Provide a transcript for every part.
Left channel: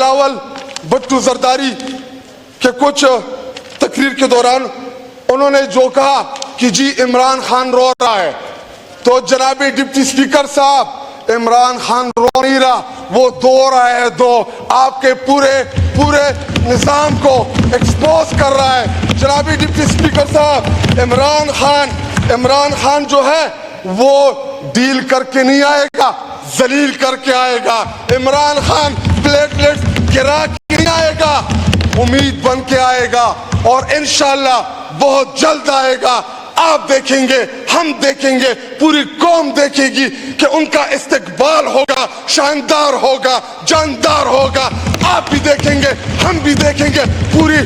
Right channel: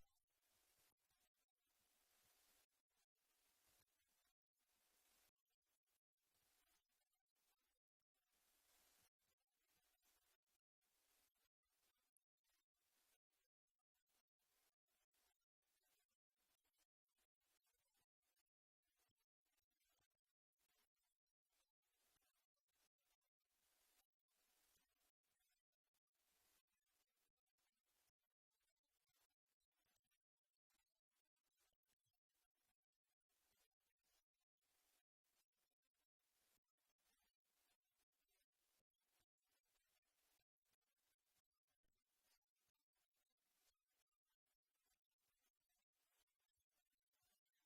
بلاول بھٹو زرداری کے کچھ تقریر کے دوران انہوں نے جو کہا کہ جی عمران خان رو رہا ہے، تو جناب ڈپٹی سپیکر صاحب عمران خان رو نہیں رہا، وہ دو رہا ہے، دو آپ کے پورے نظام کو ایکسپوز کر رہا ہے۔ جناب ڈپٹی سپیکر صاحب عمران خان جو ہے وہ ڈیل کر کے نہیں آئے گا، ذلیل کر کے آئے گا۔ عمران خان پلیٹلیٹس گرا کے نہیں آئے گا، امید بن کے آئے گا، اور انشاءاللہ بہت جلد آئے گا۔ آپ دیکھیں گے، ہم دیکھیں گے، پوری قوم دیکھے گی کہ ان کا استقبال ہوگا، شاندار ہوگا، جاندار ہوگا۔ آپ بھی دیکھیں گے، ہم بھی دیکھیں گے، پوری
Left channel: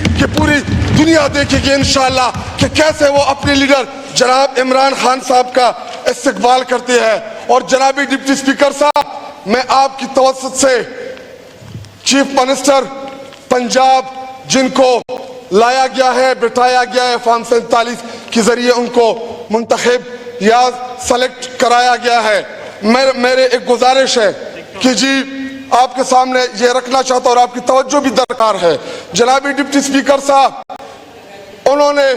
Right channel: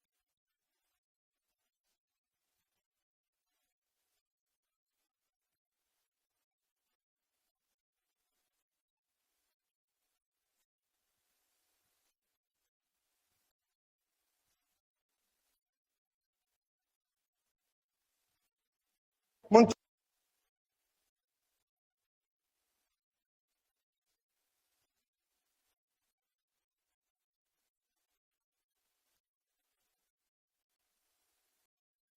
دنیا دیکھے گی انشاءاللہ کہ کیسے وہ اپنے لیڈر جناب عمران خان صاحب کا استقبال کرتے ہیں۔ اور جناب ڈپٹی سپیکر صاحب، میں آپ کی توسط سے چیف منسٹر پنجاب جن کو لایا گیا ہے، بٹھایا گیا ہے فارم 47 کے ذریعے ان کو منتخب یا سلیکٹ کرایا گیا ہے، میرے ایک گزارش ہے کہ جی آپ کے سامنے یہ رکھنا چاہتا ہوں اور آپ کی توجہ بھی درکار ہے۔ جناب ڈپٹی سپیکر صاحب، انہوں نے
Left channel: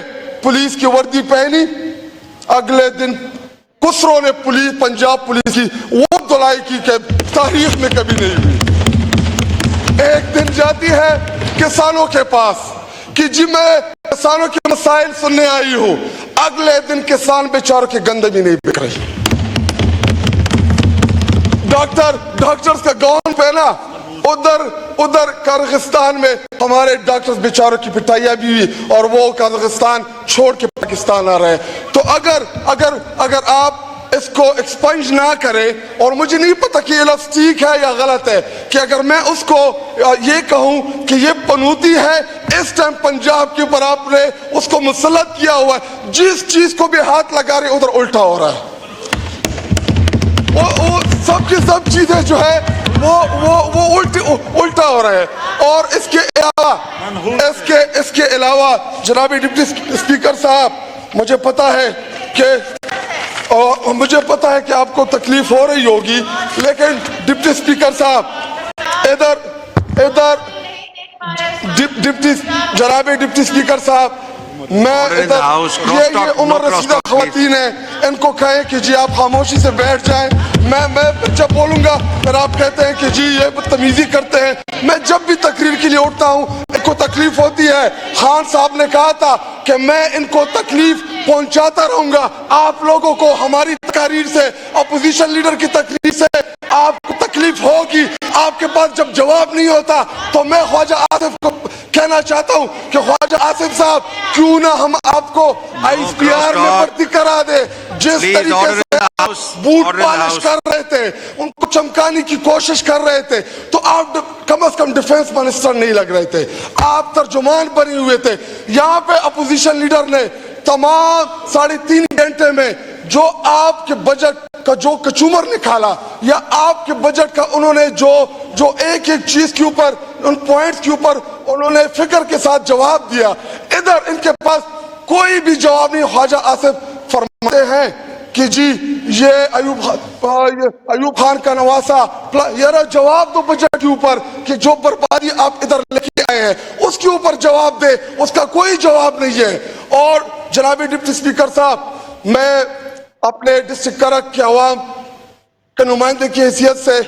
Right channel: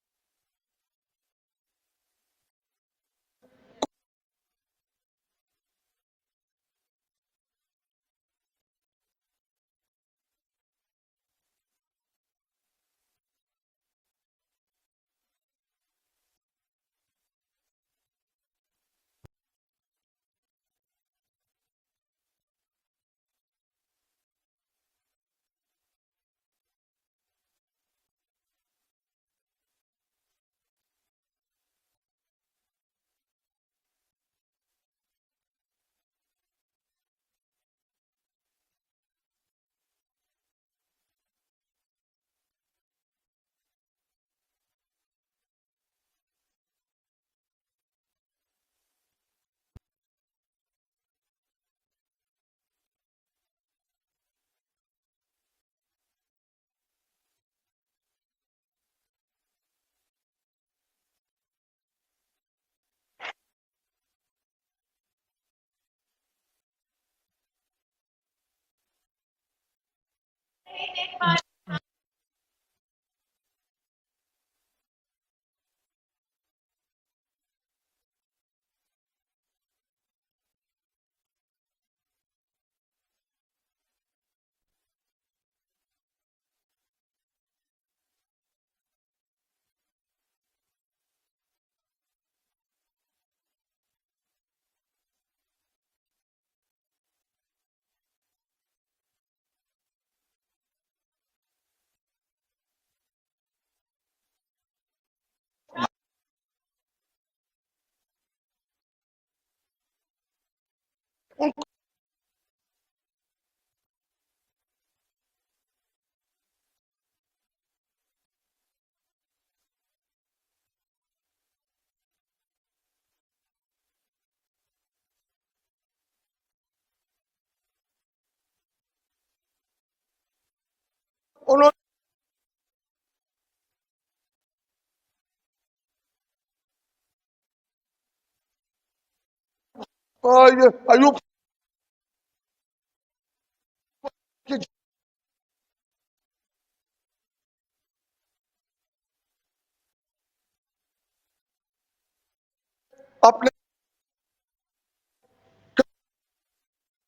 پولیس کی وردی پہنی، اگلے دن کسروں نے پنجاب پولیس کی وہ دلائی کی کہ تاریخ میں کبھی نہیں ہوئی۔ ایک دن جاتی ہے کسانوں کے پاس کہ جی میں کسانوں کے مسائل سننے آئی ہوں، اگلے دن کسان بیچاروں کی گندم بھی نہیں بک رہی۔ ڈاکٹرز کا گاؤن پہنا، ادھر قازقستان میں ہمارے ڈاکٹرز بیچاروں کی پٹائیاں بھی ہوئی اور وہ قازقستان چھوڑ کے پاکستان آ رہے ہیں۔ تو اگر آپ اس کو ایکسپنج نہ کرے، اور مجھے نہیں پتا کہ یہ لفظ ٹھیک ہے یا غلط ہے، کہ اگر میں اس کو یہ کہوں کہ یہ پنوتی ہے، اس ٹائم پنجاب کے اوپر آپ نے اس کو مسلط کیا ہوا ہے، جس چیز کو بھی ہاتھ لگا رہے ادھر الٹا ہو رہا ہے۔ وہ سب کی سب چیزیں جو ہے وہ الٹا ہو رہا ہے۔ اور اس کے علاوہ جناب ڈپٹی سپیکر صاحب، مجھے پتا ہے کہ آپ کو تکلیف ہو رہی ہوگی، لیکن ڈپٹی سپیکر صاحب ادھر جناب ڈپٹی سپیکر صاحب، میں یہ عمر رسیدہ خواتین ہیں، ان کو کہیں کہ جی آپ خاموشی سے بیٹھ جائیں۔ میں جب بولوں گا پھر آپ کہتے ہیں کہ جی یہ بدتمیزی کرتے ہیں۔ میں جب بھی تقریر کے لیے اٹھتا ہوں ان کو تکلیف ہوتی ہے۔ خان صاحب نے کہا تھا کہ میں ان کو تکلیف پہنچاتا رہوں گا، آپ لوگوں کو ہماری تقاریر سے، اپوزیشن لیڈر کی تقریر سے آپ کو تکلیف ہوگی۔ آپ کے پاس جب جواب نہیں ہوتا تو میں خواجہ آصف کو کہنا چاہتا ہوں کہ خواجہ آصف صاحب، کیوں نہ ہم آپ کو ISPR میں بھرتی کرا دے۔ جس طریقے سے بوٹ پالش کر رہے تھے، ان کو چمکانے کی کوشش کر رہے تھے، تو آپ کم از کم ڈیفنس منسٹر نہیں لگ رہے تھے، آپ ترجمان بنے ہوئے تھے۔ یہاں پہ اپوزیشن لیڈر نے تمام 3.5 گھنٹے میں جو آپ کے بجٹ کا جو کچومر نکالا، یا آپ کے بجٹ کا انہوں نے جو ایک چیز کے اوپر، ان پوائنٹس کے اوپر انہوں نے فکر کے ساتھ جواب دیا، ادھر ان کے پاس کوئی بھی جواب نہیں۔ خواجہ آصف فرماتے ہیں کہ جی یہ ایوب خان کا نواسا، یار جواب دو بجٹ کے اوپر کہ جو بربادی آپ ادھر لے کے آئے ہیں اس کے اوپر جواب دے، اس کا کوئی جواب نہیں ہے۔ اور جناب ڈپٹی سپیکر صاحب، میں اپنے ڈسٹرکٹ کرک کے عوام کے نمائندے کی حیثیت سے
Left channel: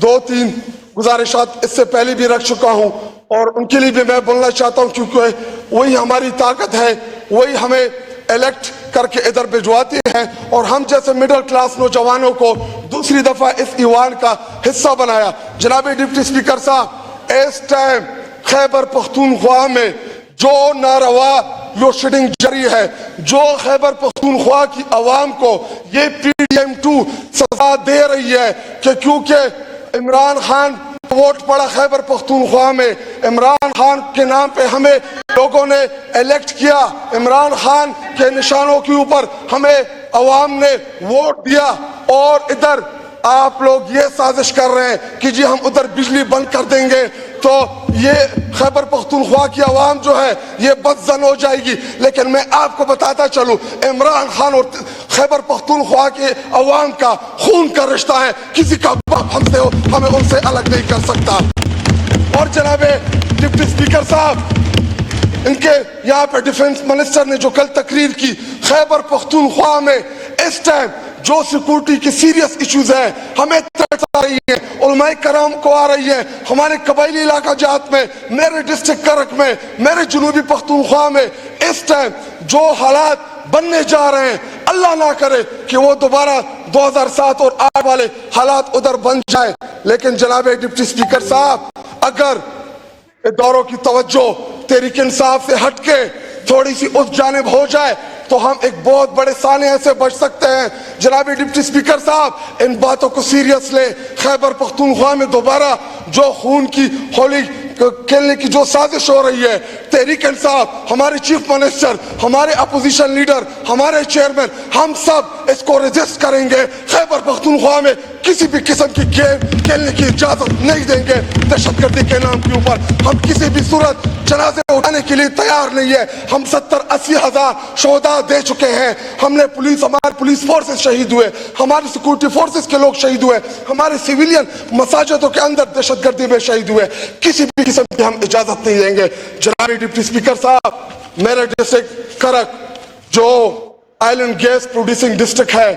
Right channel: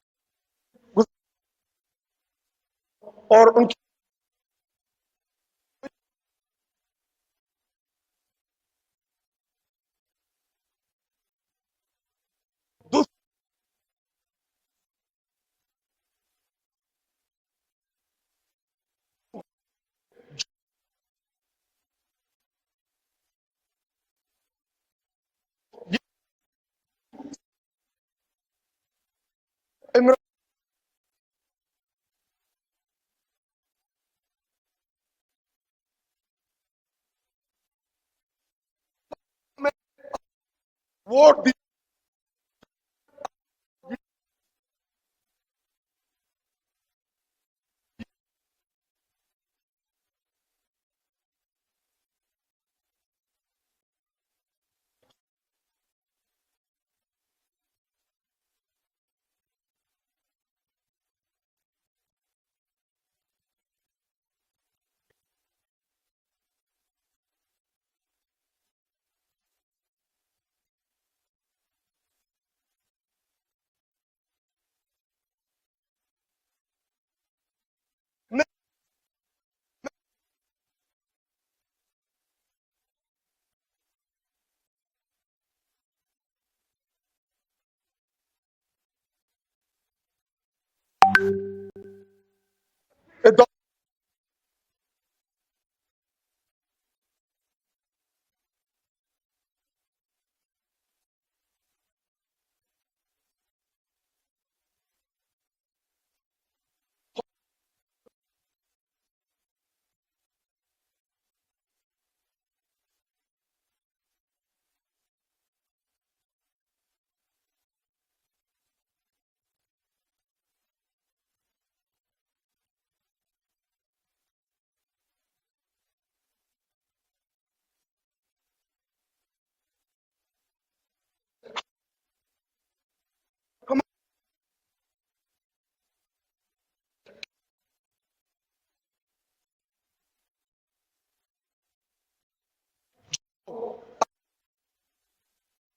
2-3 گزارشات اس سے پہلے بھی رکھ چکا ہوں، اور ان کے لیے بھی میں بولنا چاہتا ہوں، کیونکہ وہی ہماری طاقت ہے، وہی ہمیں الیکٹ کر کے ادھر بھجواتے ہیں، اور ہم جیسے مڈل کلاس نوجوانوں کو دوسری دفعہ اس ایوان کا حصہ بنایا۔ جناب ڈپٹی سپیکر صاحب، اس ٹائم خیبر پختونخوا میں جو ناروا لوڈ شیڈنگ جاری ہے، جو خیبر پختونخوا کی عوام کو یہ PDM2 سزا دے رہی ہے کہ کیونکہ عمران خان ووٹ پڑا خیبر پختونخوا میں، عمران خان کے نام پہ ہمیں لوگوں نے الیکٹ کیا، عمران خان کے نشانوں کے اوپر ہمیں عوام نے ووٹ دیا، اور ادھر آپ لوگ یہ سازش کر رہے ہیں کہ جی ہم ادھر بجلی بند کر دیں گے تو یہ خیبر پختونخوا کی عوام جو ہے یہ بدزن ہو جائے گی۔ لیکن میں آپ کو بتاتا چلوں، عمران خان اور خیبر پختونخوا کے عوام کا خون کا رشتہ ہے، کسی کا باپ ہمیں ان سے الگ نہیں کر سکتا۔ اور جناب ڈپٹی اسپیکر صاحب, ان کے یہاں پہ ڈیفنس منسٹر نے جو کل تقریر کی, خیبر پختونخوا میں اس ٹائم جو سیکورٹی کے سیریس ایشوز ہیں, ہمیں تھریٹس آ رہی ہیں, علماء کرام کو آ رہی ہیں, ہمارے قبائلی علاقہ جات میں, میرے ڈسٹرکٹ کرک میں, میرے جنوبی پختونخوا میں اس ٹائم جو حالات بننے جا رہے ہیں, اللہ نہ کرے کہ وہ دوبارہ 2007 اور 8 والے حالات ادھر بن جائیں. لیکن جناب ڈپٹی سپیکر صاحب, اگر اداروں کی توجہ تحریک انصاف سے ہٹ کے تھوڑی سی اس جانب ہو جائے تو ہم ایک بہت بڑے سانحے سے بچ سکتے ہیں. جناب ڈپٹی سپیکر صاحب, ان باتوں کو سیریس لیں. خیبر پختونخوا میں دوبارہ جو خون کی ہولی کھیلنے کی جو سازش ہو رہی ہے, تحریک انصاف, ہمارے چیف منسٹر, ہمارے اپوزیشن لیڈر, ہمارے چیئرمین, ہم سب اس کو ریزسٹ کریں گے. خیبر پختونخوا میں کسی بھی قسم کی گیم کھیلنے کی اجازت نہیں دیں گے. دہشت گردی کے نام کے اوپر ہم کسی بھی صورت جنازے اٹھانے کے لیے تیار نہیں ہے. ہم 70-80 ہزار شہداء دے چکے ہیں. ہم نے ہمارے پولیس فورسز شہید ہوئے, ہمارے سیکورٹی فورسز کے لوگ شہید ہوئے, ہمارے سیویلین مساجدوں کے اندر دہشت گردی میں شہید ہوئے. کسی بھی قسم کی ہم اجازت نہیں دیں گے. جناب ڈپٹی اسپیکر صاحب, میرے ڈسٹرکٹ کرک جو oil and gas producing district ہے,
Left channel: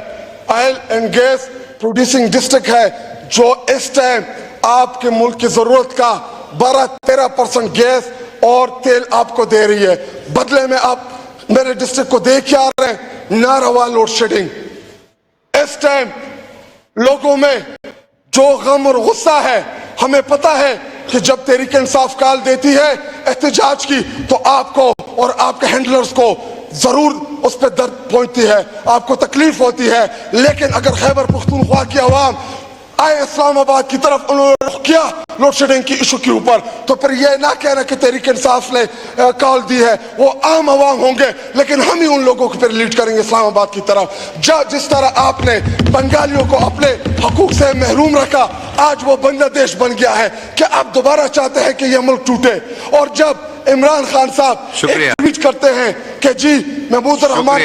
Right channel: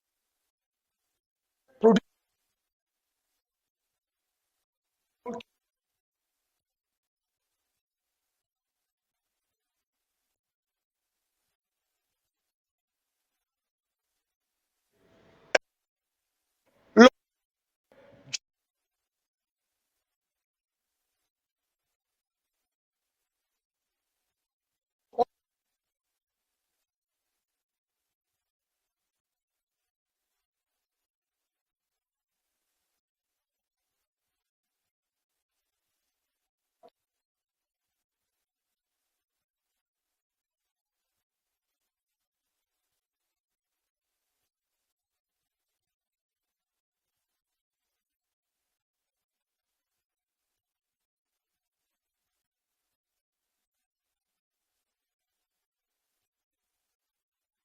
oil and gas producing district ہے, جو اس ٹائم آپ کے ملک کی ضرورت کا 12-13% گیس اور تیل آپ کو دے رہی ہے. بدلے میں آپ میرے ڈسٹرکٹ کو دے کے آ رہے ہیں ناروا لوڈ شیڈنگ. اس ٹائم لوگوں میں جو غم اور غصہ ہے, ہمیں پتا ہے کہ جب تحریک انصاف کال دیتی ہے احتجاج کی تو آپ کو اور آپ کے ہینڈلرز کو ضرور اس پہ درد پہنچتی ہے, آپ کو تکلیف ہوتی ہے. لیکن اگر خیبر پختونخوا کی عوام آئے اسلام آباد کی طرف, انہوں نے رخ کیا لوڈ شیڈنگ کی ایشو کے اوپر, تو پھر یہ نہ کہنا کہ تحریک انصاف نے کال دی ہے. وہ عام عوام ہوں گے لیکن ہم ہی ان لوگوں کو پھر لیڈ کریں گے اسلام آباد کی طرف. جس طرح آپ نے بنگالیوں کو اپنے حقوق سے محروم رکھا, آج وہ بنگلہ دیش بن گیا ہے. کیا آپ دوبارہ چاہتے ہیں کہ یہ ملک ٹوٹے؟ اور جب عمران خان صاحب ایک ٹویٹ کرتے ہیں کہ جی محمود الرحمان,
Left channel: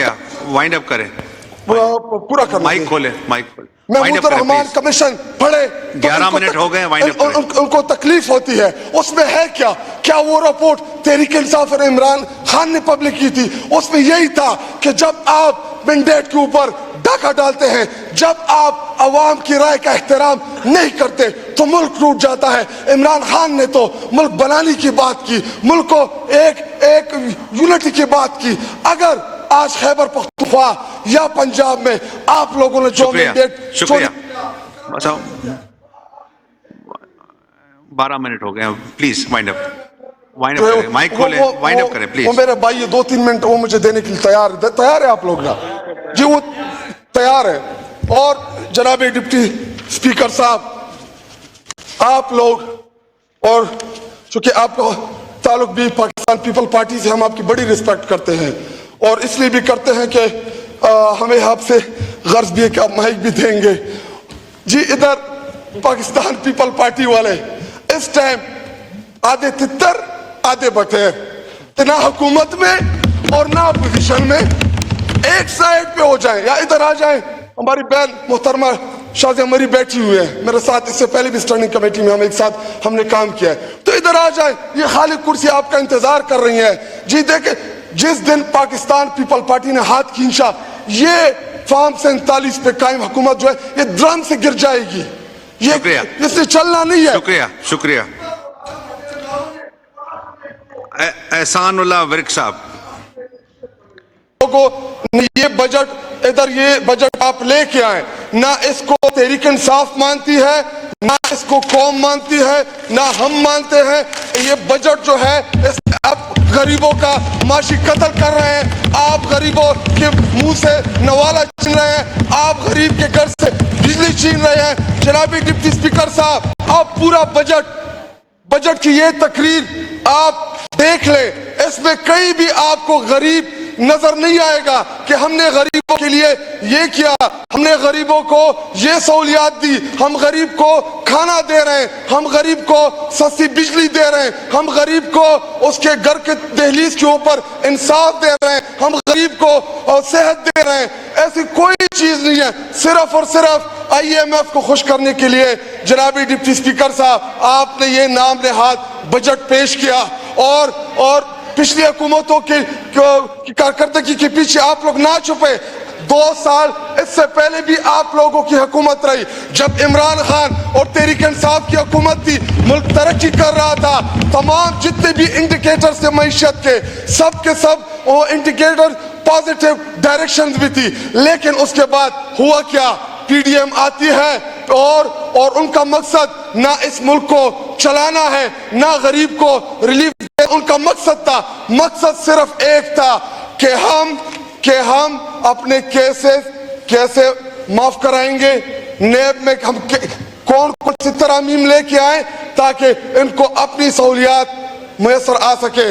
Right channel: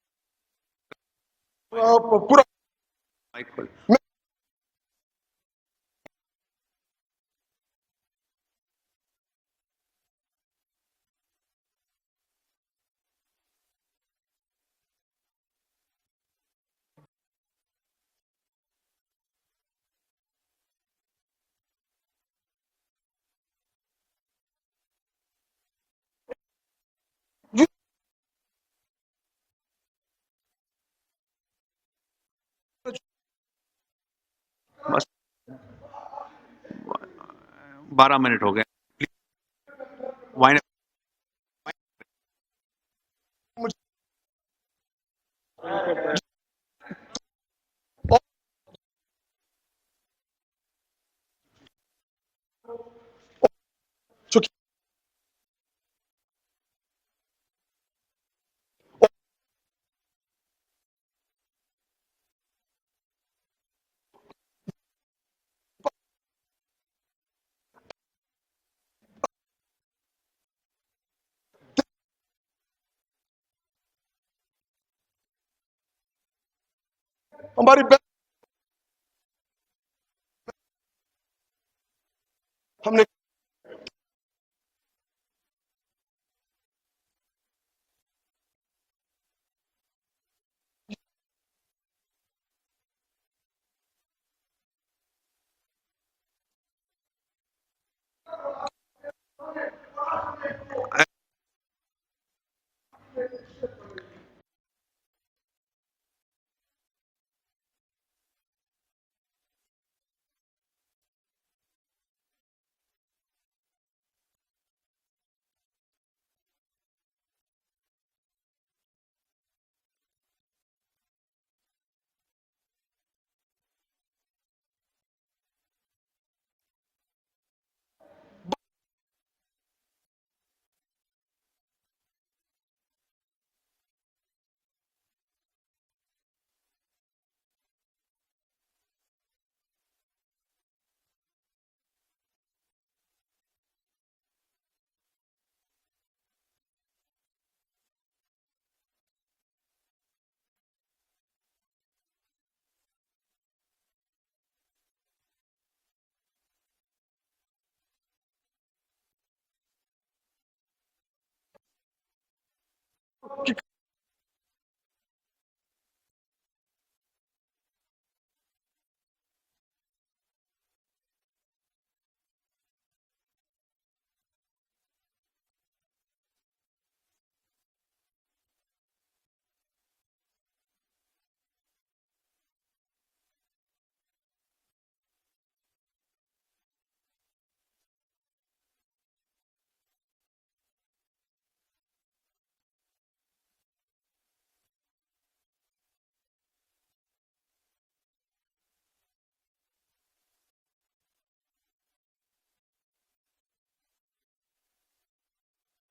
وائنڈ اپ کریں, پورا کرنا, مائک کھولے, مائک کھولے, محمود الرحمان کمیشن پڑھے, 11 منٹ ہو گئے, وائنڈ اپ کریں. ان کو تکلیف ہوتی ہے. اس میں ہے کیا وہ رپورٹ تحریک انصاف اور عمران خان نے پبلک کی تھی, اس میں یہی تھا کہ جب آپ مینڈیٹ کے اوپر ڈاکہ ڈالتے ہیں, جب آپ عوام کی رائے کا احترام نہیں کرتے تو ملک ٹوٹ جاتا ہے. عمران خان نے تو ملک بنانے کی بات کی, ملک کو ایک یونٹی کی بات کی. اگر آج خیبر پختونخوا یا پنجاب میں آپ لوگوں نے جو مینڈیٹ, شکریہ, 12 منٹ ہو گئے, پلیز وائنڈ اپ, وائنڈ اپ کریں, مائک کھولیں, وائنڈ اپ کریں پلیز. وہ میرے بھائی 2-3 منٹ وہ مجھے دینے کے لیے تیار ہے آپ لوگ نا جی, وہ تیار ہے. اور جناب ڈپٹی اسپیکر صاحب, آپ لوگ, اور چونکہ آپ کا تعلق بھی پاکستان پیپل پارٹی سے, ہم آپ کی بڑی رسپیکٹ کرتے ہیں, اور اس لیے بھی کرتے ہیں کہ ہمیں آپ سے غرض بھی ہے کہ آپ مائک بھی دیں گے. جی ادھر پاکستان پیپل پارٹی والے اس ٹائم آدھے تتر آدھے بٹیر, نہ حکومت میں اور نہ اپوزیشن میں, ایک سائیڈ پہ ہو جائیں یا ادھر آ جائیں. ہماری بہن محترمہ شازیہ مری بیٹھی ہوئی ہے میرے ساتھ, اس سے پہلے بھی اسٹینڈنگ کمیٹی میں ہم ایک ساتھ ہم نے کام کیا ہے, تو ادھر آ جائیں, یہ خالی کرسی آپ کا انتظار کر رہی ہیں. جی دیکھیں, جس دن پاکستان پیپل پارٹی نے ہاتھ کھینچا, یہ فارم 47 پہ قائم حکومت جو ہے یہ درم سے گر جائے گی, یہ اس سے چلنا نہیں ہے. شکریہ, شکریہ. احسان اللہ ورک صاحب, لوگوں یہ بجٹ ادھر, یہ بجٹ آپ لے کے آئیں, نہ اس کو تحریک انصاف مانتی ہے, نہ اس کو قوم مانتی ہے, نہ ہم مانتے ہیں. یہ بجٹ جو ہے اس آپ غریبوں کا معاشی قتل کر رہے ہیں, آپ غریبوں کے منہ سے نوالا چھین رہے ہیں, آپ غریب کے گھر سے بجلی چھین رہے ہیں. جناب ڈپٹی اسپیکر صاحب, آپ پورا بجٹ کی یہ تقریر آپ دیکھ لیں, اس میں کہیں بھی آپ کو غریب نظر نہیں آئے گا کہ ہم نے غریبوں کے لیے یہ کیا, ہم نے غریبوں کو یہ سہولیات دی, ہم غریب کو کھانا دے رہے ہیں, ہم غریب کو سستی بجلی دے رہے ہیں, ہم غریب کو اس کے گھر کے دہلیز کے اوپر انصاف دے رہے ہیں, ہم غریب کو صحت دے رہے ہیں. ایسی کوئی چیز نہیں ہے. صرف اور صرف آئی ایم ایف کو خوش کرنے کے لیے جناب ڈپٹی اسپیکر صاحب آپ نے یہ نام نہاد بجٹ پیش کیا, اور پچھلی حکومتوں کی کارکردگی کے پیچھے آپ لوگ نہ چھپے. 2 سال اس سے پہلے بھی آپ لوگوں کی حکومت رہی, جب عمران خان اور تحریک انصاف کی حکومت تھی, ملک ترقی کر رہا تھا, تمام جتنے بھی انڈیکیٹرز تھے معیشت کے سب وہ انڈیکیٹر پازیٹیو ڈائریکشنز بھی تھی. لیکن اس کے بعد ہوا کیا, پی ڈی ایم آتی ہے اور ان کا مقصد نہ اس ملک کو چلانا ہے نہ غریب کو ریلیف دے. ان کا مقصد صرف ایک تھا کہ ہم اپنے کیسز کیسے معاف کرائیں گے, نیب میں ہم کون سی ترامیم لے کے آئیں تاکہ ان کو اپنی سہولیات میسر آ سکے.